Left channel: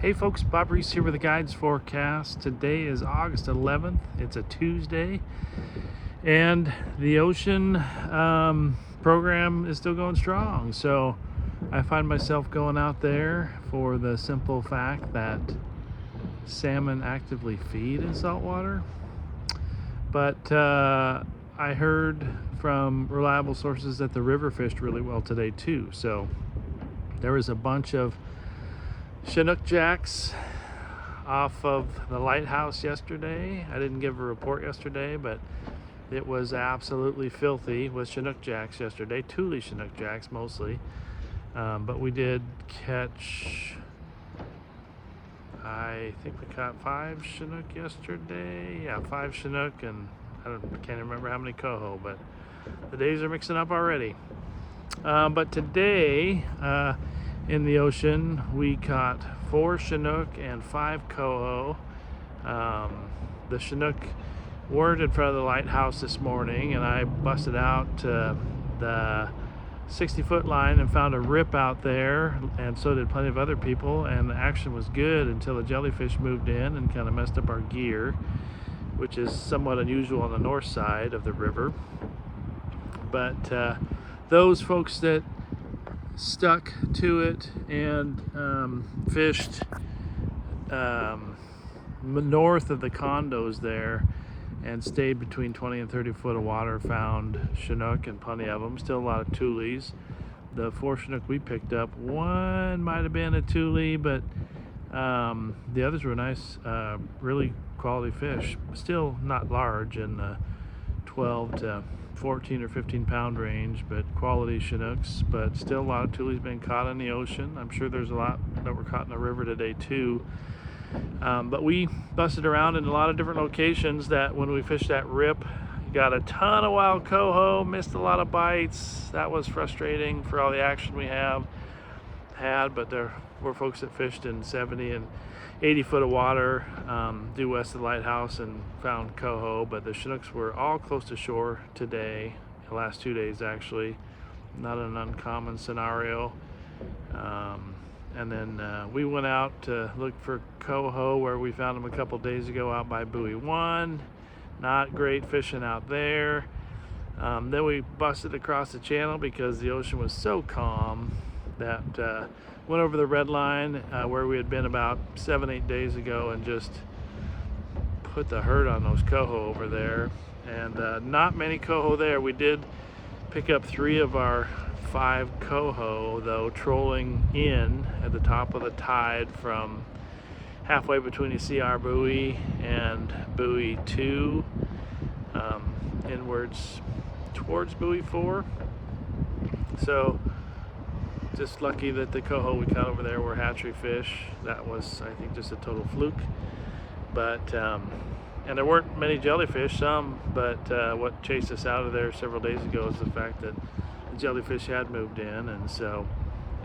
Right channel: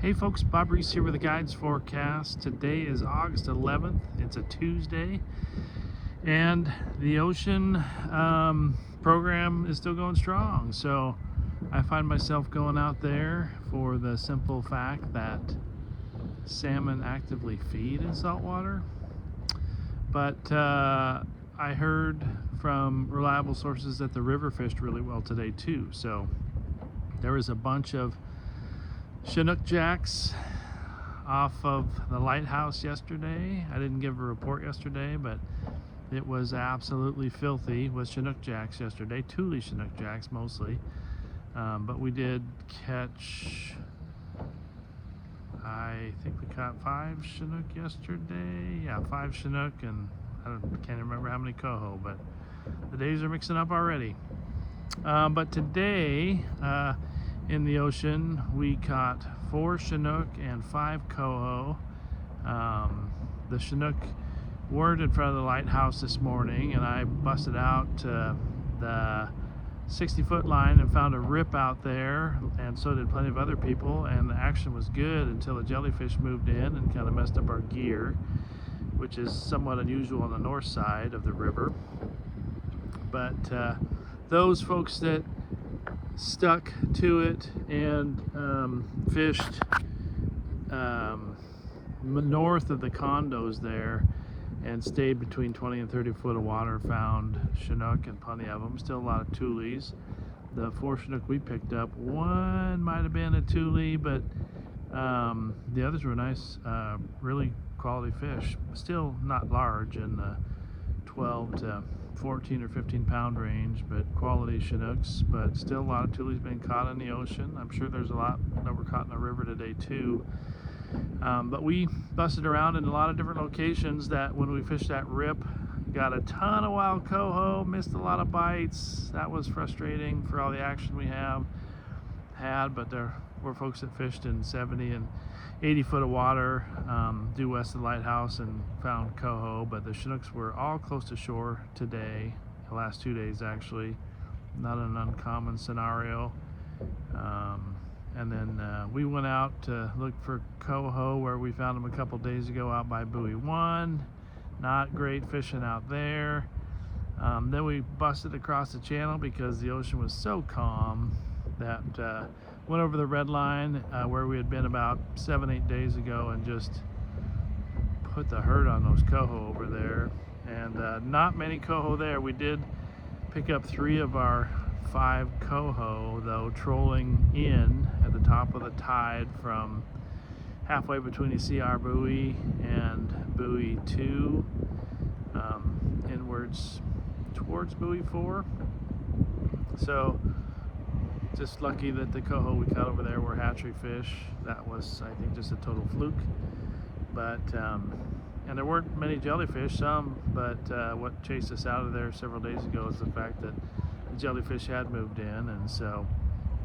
Hey folks, Bob Reese here with the Guides Forecast. Today is August 11th. It's a Tuesday, and the ocean program is still going strong. So I find myself going out there for the simple fact that salmon actively feed in saltwater. But I heard from reliable sources that the river fished really well today too. So there was a bunch of Chinook jacks off of the lighthouse yesterday. I didn't give a report yesterday, but it was absolutely filthy with Chinook jacks yesterday, Thule Chinook jacks mostly. But we did catch, I think we caught 5 Chinook yesterday. Yeah, 5 Chinook, and I can't remember how many coho, but the days are mixing up already. But today, in the ocean, we caught 4 Chinook and 5 coho. The Chinook weren't in front of the lighthouse this morning, and I busted out the 60-foot line and found a rip out there, and so did plenty of other people, and the action was good until the jellyfish moved in and kind of messed up our gear, which is somewhat unusual on the north side of the river. But those folks that stuck to it and fished north of the condos there and stayed between 20 and 30 foot of water found Chinook, and plenty of them. Still a lot of Thules. The 4 Chinook we picked up, one might have been a Thule, but the others were nice, really quality fish. Still not large, in the 12 to 14 or 15 pound range, but quality Chinooks. But still a lot of Thules being caught in the ocean. I'm sure there's a lot that were caught in the river today too. But we busted around in a lot of different locations. That when we fished that rip, got a ton of wild coho, missed a lot of bites. That was frustrating for all the action we had, but there were folks that fished in 70 and 80 foot of water due west of the lighthouse and found coho. But the Chinooks were all close to shore today, the last 2 days actually. Not an uncommon scenario. And then we went out to look for coho, where we found them a couple days ago out by Buoy 1. Not great fishing out there. Then we busted across the channel because the ocean was so calm that went over the red line where we had been about 7-8 days ago and just put the hurt on those coho over there. And not many coho there. We did pick up 3 of our 5 coho, though, trolling in at the top of the tide from halfway between the CR buoy and Buoy 2, inwards towards Buoy 4. So just lucky that the coho we caught over there were hatchery fish. That was, I think, just a total fluke. But and there weren't many jellyfish, some, but what chased us out of there several days ago is the fact that the jellyfish had moved in. And so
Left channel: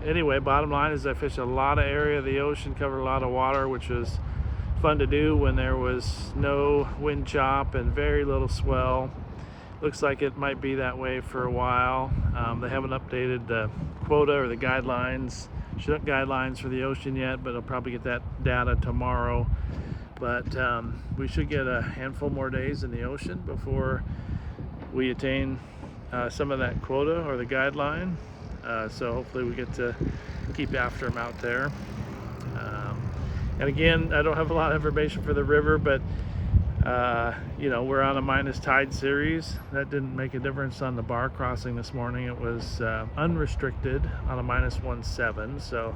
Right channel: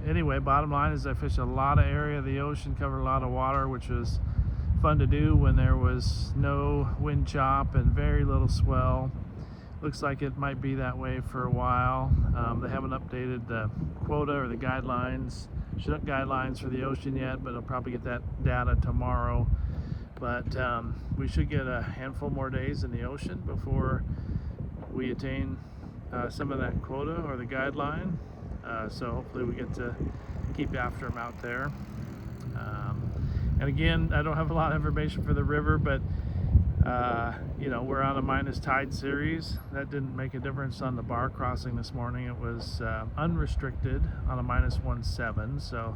anyway, bottom line is I fished a lot of area of the ocean, covered a lot of water, which was fun to do when there was no wind chop and very little swell. Looks like it might be that way for a while. They haven't updated the quota or the guidelines, Chinook guidelines for the ocean yet, but I'll probably get that data tomorrow. But we should get a handful more days in the ocean before we attain some of that quota or the guideline. So hopefully we get to keep after them out there. And again, I don't have a lot of information for the river, but you know, we're on a minus tide series. That didn't make a difference on the bar crossing this morning. It was unrestricted on a minus 1.7, so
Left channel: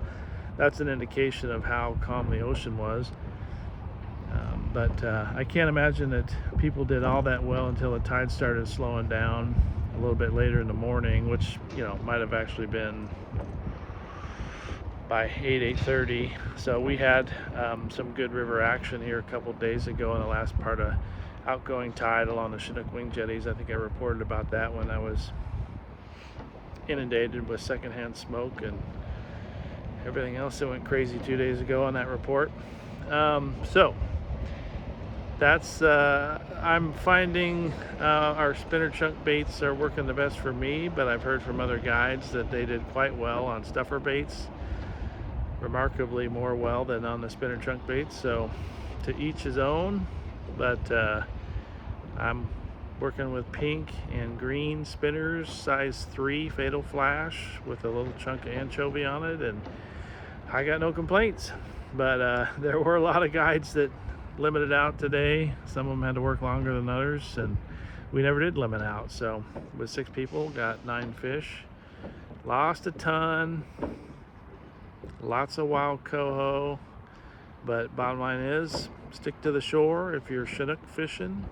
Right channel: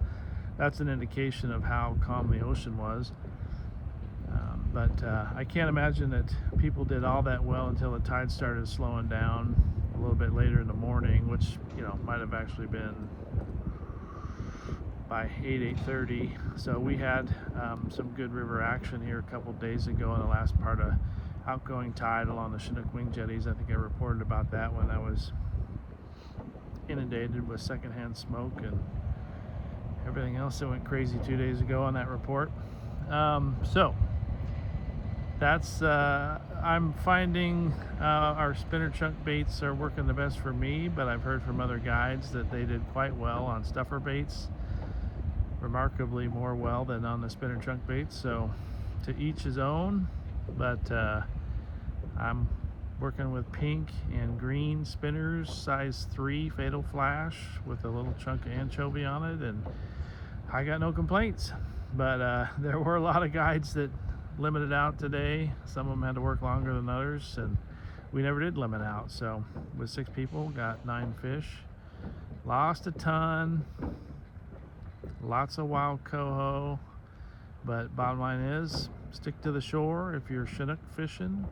that's an indication of how calm the ocean was. But I can't imagine that people did all that well until the tide started slowing down a little bit later in the morning, which, you know, might have actually been by 8:30. So we had some good river action here a couple days ago in the last part of outgoing tide along the Chinook wing jetties. I think I reported about that when I was inundated with secondhand smoke and everything else that went crazy 2 days ago on that report. So that's I'm finding our spinner chunk baits are working the best for me, but I've heard from other guides that they did quite well on stuffer baits. remarkably more well than on the spinner chunk baits, so to each his own. But I'm working with pink and green spinners, size 3 Fatal Flash with a little chunk of anchovy on it, and I got no complaints. But there were a lot of guides that limited out today. Some of them had to work longer than others, and we never did limit out. So with 6 people, got 9 fish. Lost a ton, lots of wild coho, but bottom line is stick to the shore if you're Chinook fishing.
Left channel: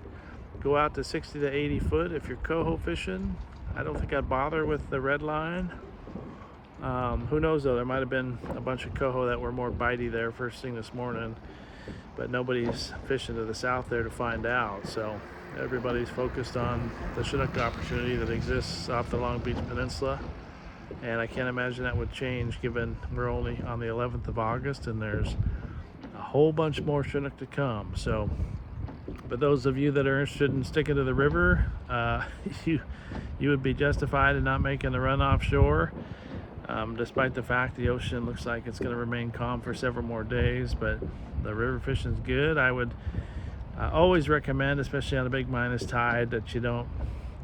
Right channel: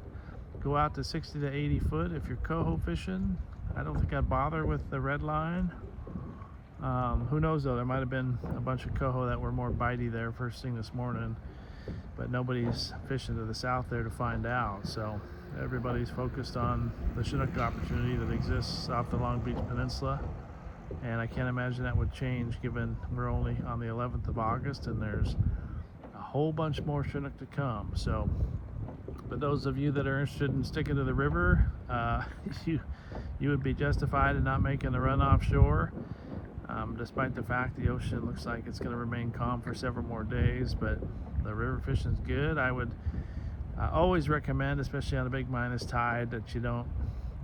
Go out to 60 to 80 foot if you're coho fishing. I don't think I'd bother with the red line. Who knows though, there might have been a bunch of coho that were more bitey there first thing this morning, but nobody's fishing to the south there to find out. So everybody's focused on the Chinook opportunity that exists off the Long Beach Peninsula, and I can't imagine that would change given we're only on the 11th of August and there's a whole bunch more Chinook to come. So but those of you that are interested in sticking to the river, you would be justified in not making the run offshore, despite the fact the ocean looks like it's going to remain calm for several more days. But the river fishing is good. I would always recommend, especially on a big minus tide, that you don't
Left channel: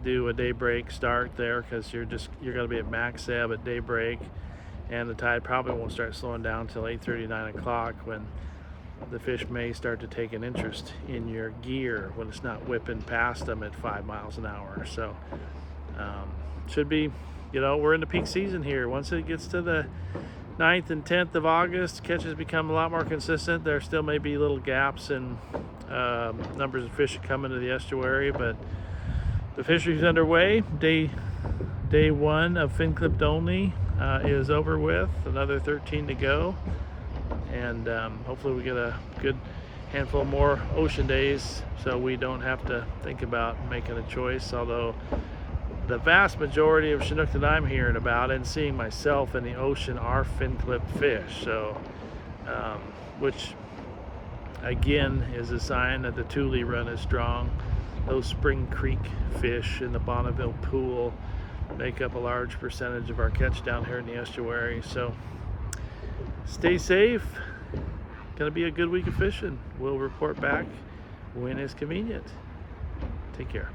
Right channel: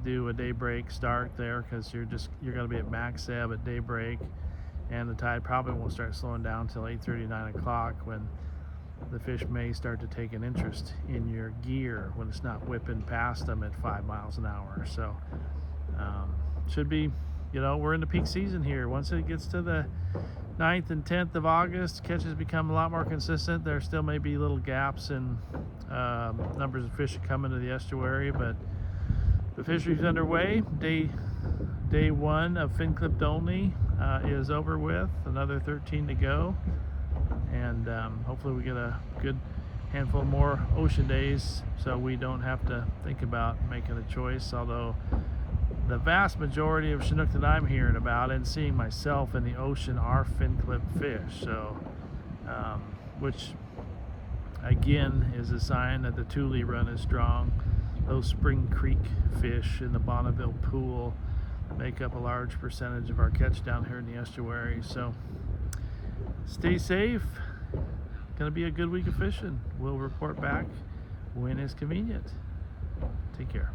do a daybreak start there, because you're going to be at max ebb at daybreak, and the tide probably won't start slowing down until 8:30, 9 o'clock, when the fish may start to take an interest in your gear when it's not whipping past them at 5 miles an hour. So should be, we're in the peak season here. Once it gets to the 9th and 10th of August, catches become a lot more consistent. There still may be little gaps in numbers of fish coming to the estuary, but the fishery's underway. Day 1 of fin clipped only is over with. Another 13 to go, and hopefully we get a good handful more ocean days so we don't have to think about making a choice. Although the vast majority of Chinook that I'm hearing about and seeing myself in the ocean are fin clipped fish, so which again is a sign that the Thule run is strong. Those Spring Creek fish in the Bonneville Pool make up a large percentage of our catch down here in the estuary. So stay safe. Gonna be a good week of fishing. We'll report back when it's convenient. Take care.